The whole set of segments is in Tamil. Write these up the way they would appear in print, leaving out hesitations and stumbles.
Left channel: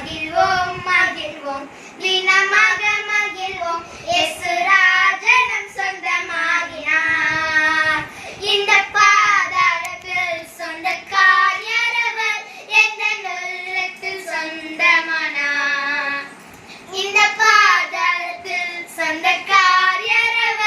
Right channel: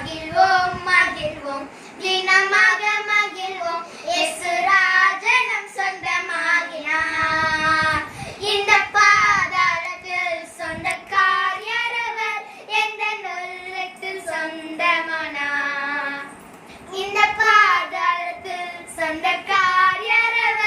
மகிழ்வோம் மகிழ்வோம் தினமாக மகிழ்வோம் இயேசு ராஜனம் சொந்தமாகினார். இந்த பாதாளத்தில் சொந்தக்காரர் எந்த உள்ளத்தில் சொந்தமானார். இந்த பாதாளத்தில் சொந்தக்காரர்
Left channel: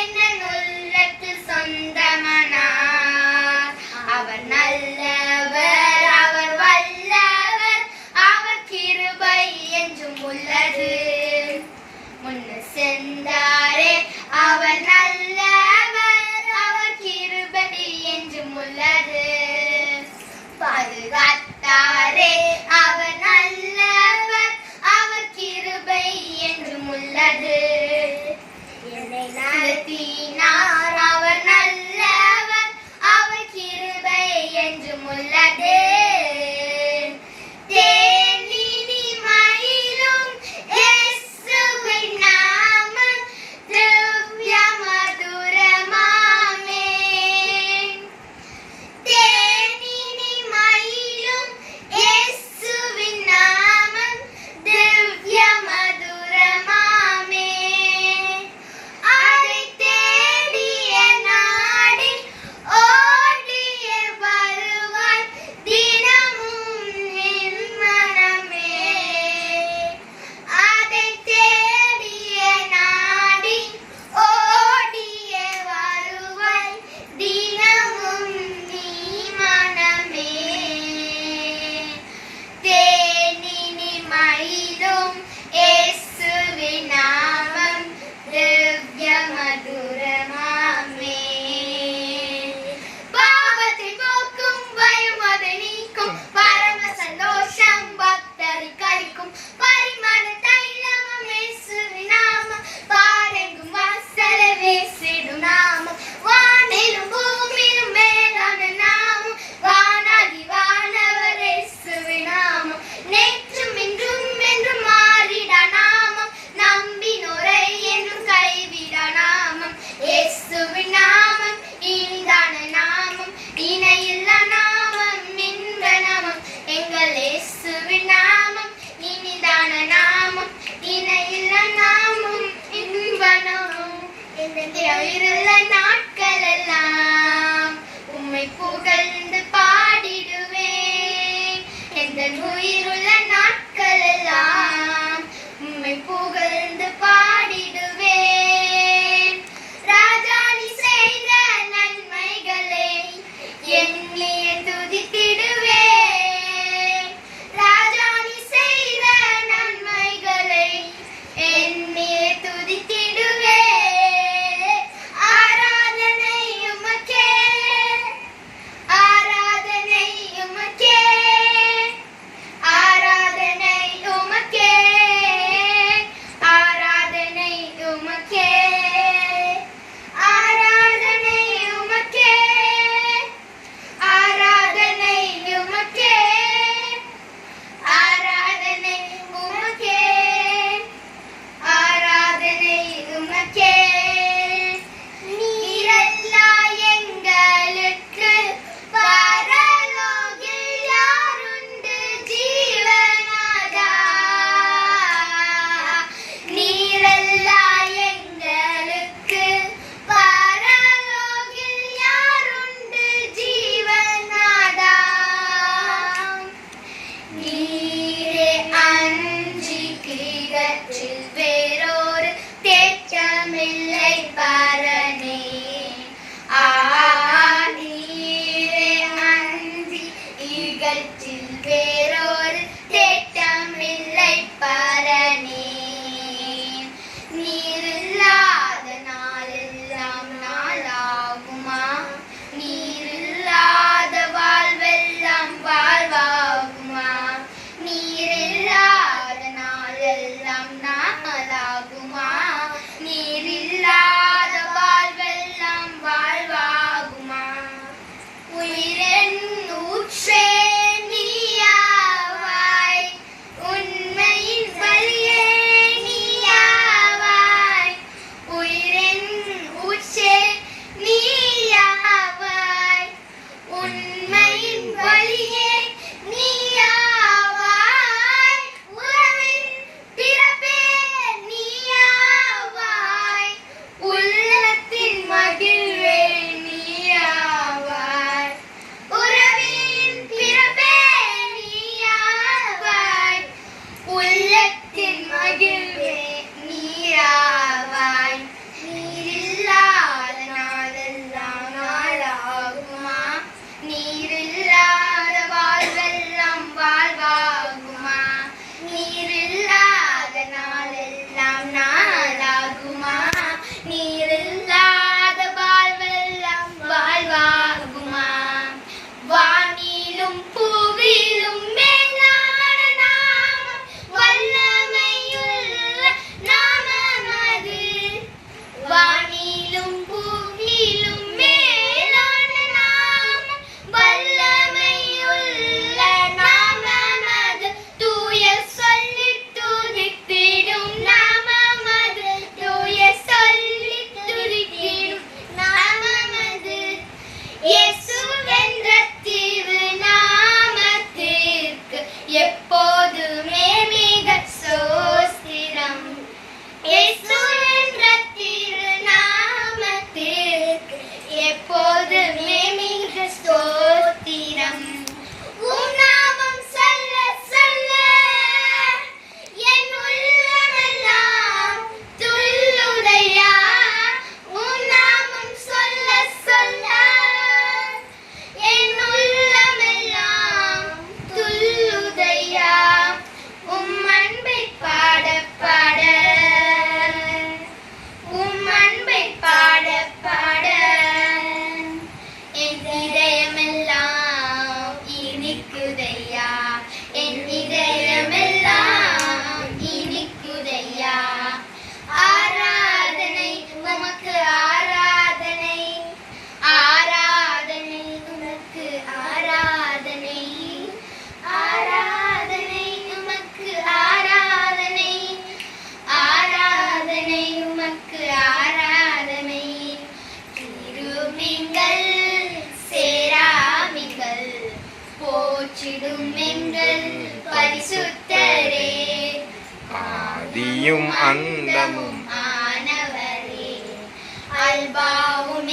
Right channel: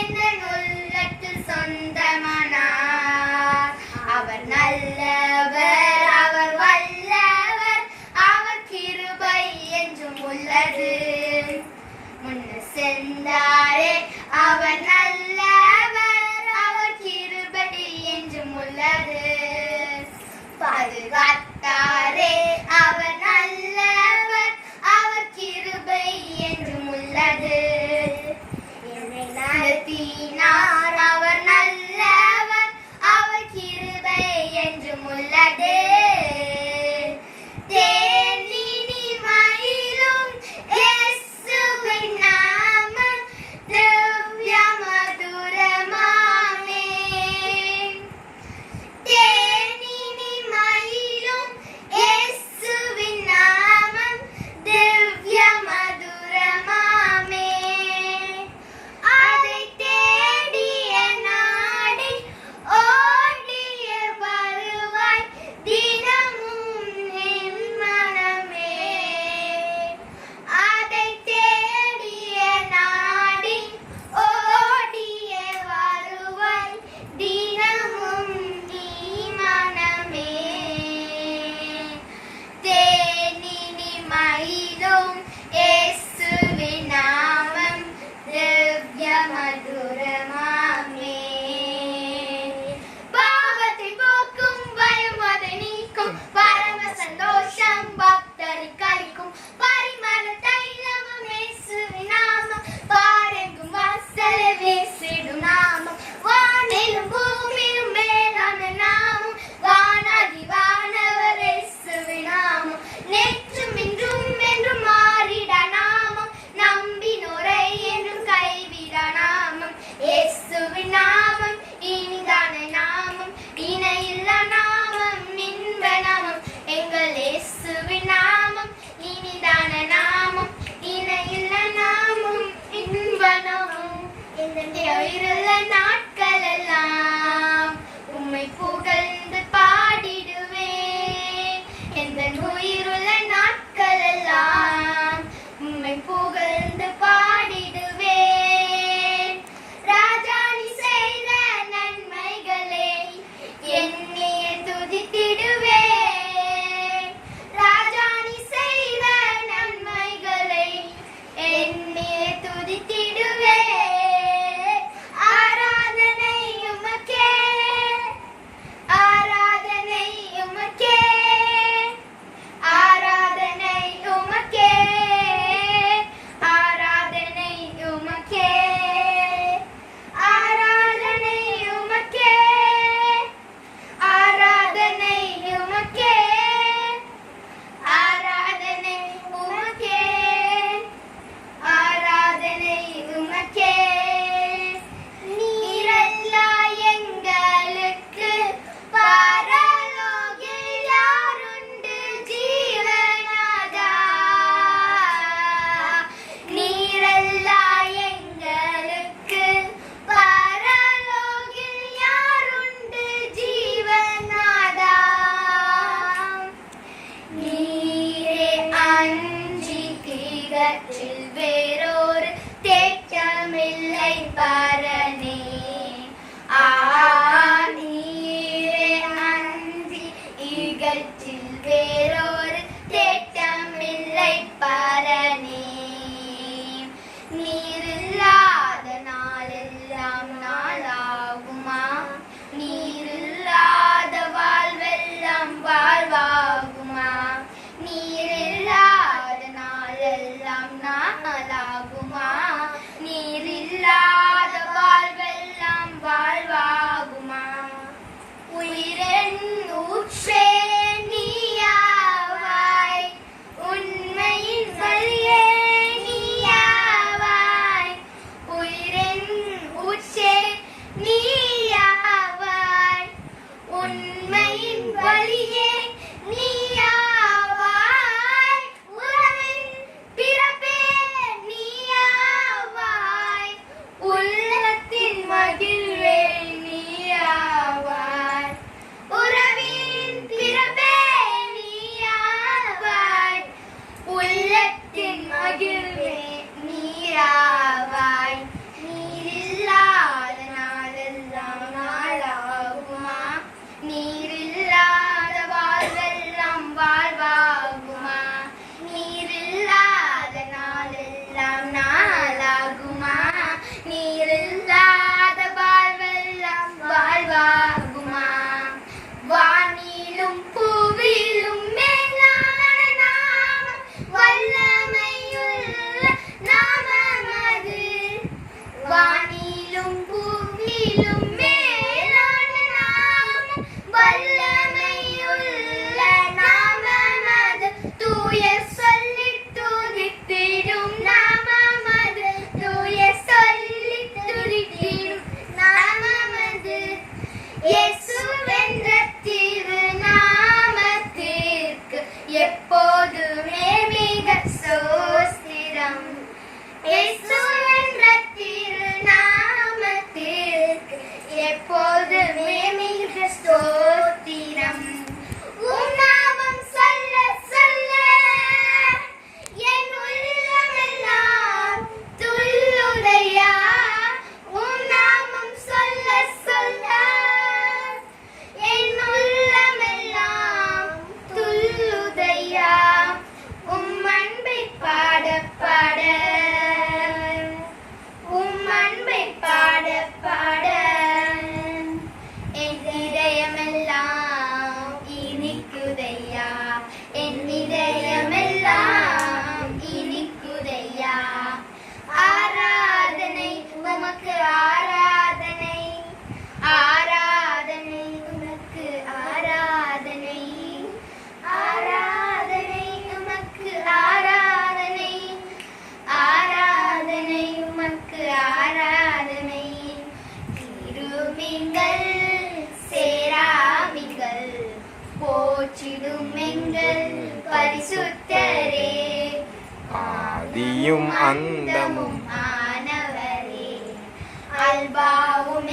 எந்த உள்ளத்தில் சொந்தமானார். அவர் நல்லவர், அவர் வல்லவர், அவர் கிருபை என்றும் உள்ளது. முன்ன சென்றாரே அவர் நல்லவர், அவர் கிருபை என்றும் உள்ளது. பாதுகாத்தாரே அவர் நல்லவர், அவர் கிருபை என்றும் உள்ளது. என்னை நடத்தினார் அவர் நல்லவர், அவர் கிருபை என்றும் உள்ளது. தேனினி மயிலும் இயேசுவின் நாமம் திவ்ய மதுரமாமே. தேனினி மயிலும் இயேசுவின் நாமம் திவ்ய மதுரமாமே. அதை தேடிய நாடி ஓடிய வருவாய் தினமும் என் மனமே. அதை தேடிய நாடி ஓடிய வருவாய் தினமும் நீ மனமே. தேனினி மயிலும் இயேசுவின் நாமம் திவ்ய மதுரமாமே. பாவத்தை போக்கும் பயம் அதை நீக்கும் பரம சந்தோஷம் பக்தரை கழிக்கும் பரிமள தைலமும் இயேசுவின் நாமம் பாரெங்கும் வாசல வீசிடும் நாமம். வானிலும் பூமியிலும் மேலான நாமம் வானாகி வானவர் இயேசுவின் நாமம். நேற்றும் இன்றும் என்றும் மாறிடா நாமம் நம்பினோரை என்றும் கைவிடா நாமம். இயேசுவின் நாமம் இனிதான நாமம் இணையில்லா நாமம் இன்ப நாமம். எங்கள் இயேசுவின் நாமம் இனிதான நாமம் இணையில்லா நாமம் இன்ப நாமம். இந்த உயிருள்ள நாட்கள் எல்லாம் உம்மை புகழ்ந்து பாடிடுவேன். எந்த உயிருள்ள நாட்கள் எல்லாம் உம்மை புகழ்ந்து பாடிடுவேன். ராஜா நீ செய்த நன்மைகளை எண்ணியே துதித்திடுவேன். ராஜா நீ செய்த நன்மைகளை எண்ணியே துதித்திடுவேன். ஆராதனை உமக்கே, ஆராதனை உமக்கே, ஆராதனை உமக்கே, ஆராதனை உமக்கே, ஆராதனை உமக்கே, ஆராதனை உமக்கே, ஆராதனை உமக்கே, ஆராதனை உமக்கே. நீரல்லா எங்களுக்கு பரலோகில் யாருண்டு ஜீவனாதா. நீரல்லா எங்களுக்கு பரலோகில் யாருண்டு ஜீவனாதா. நீரே அன்றி கிரகத்தில் வேறொரு தேற்றமில்லை பரனே. நீரே அன்றி இகத்தில் வேறொரு தேற்றமில்லை பரனே. நீரில்லாத நாளெல்லாம் நாளாகுமா? நீரில்லாத வாழ்வெல்லாம் வாழ்வாகுமா? நீரில்லாத நாளெல்லாம் நாளாகுமா? நீரில்லாத வாழ்வெல்லாம் வாழ்வாகுமா? உயிரின் ஊற்றே நீயாவாய், உண்மையின் வழியே நீயாவாய். உயிரின் ஊற்றே நீயாவாய், உண்மையின் வழியே நீயாவாய். ஆதியும் அந்தமும் ஆனவரே அல்பாவும்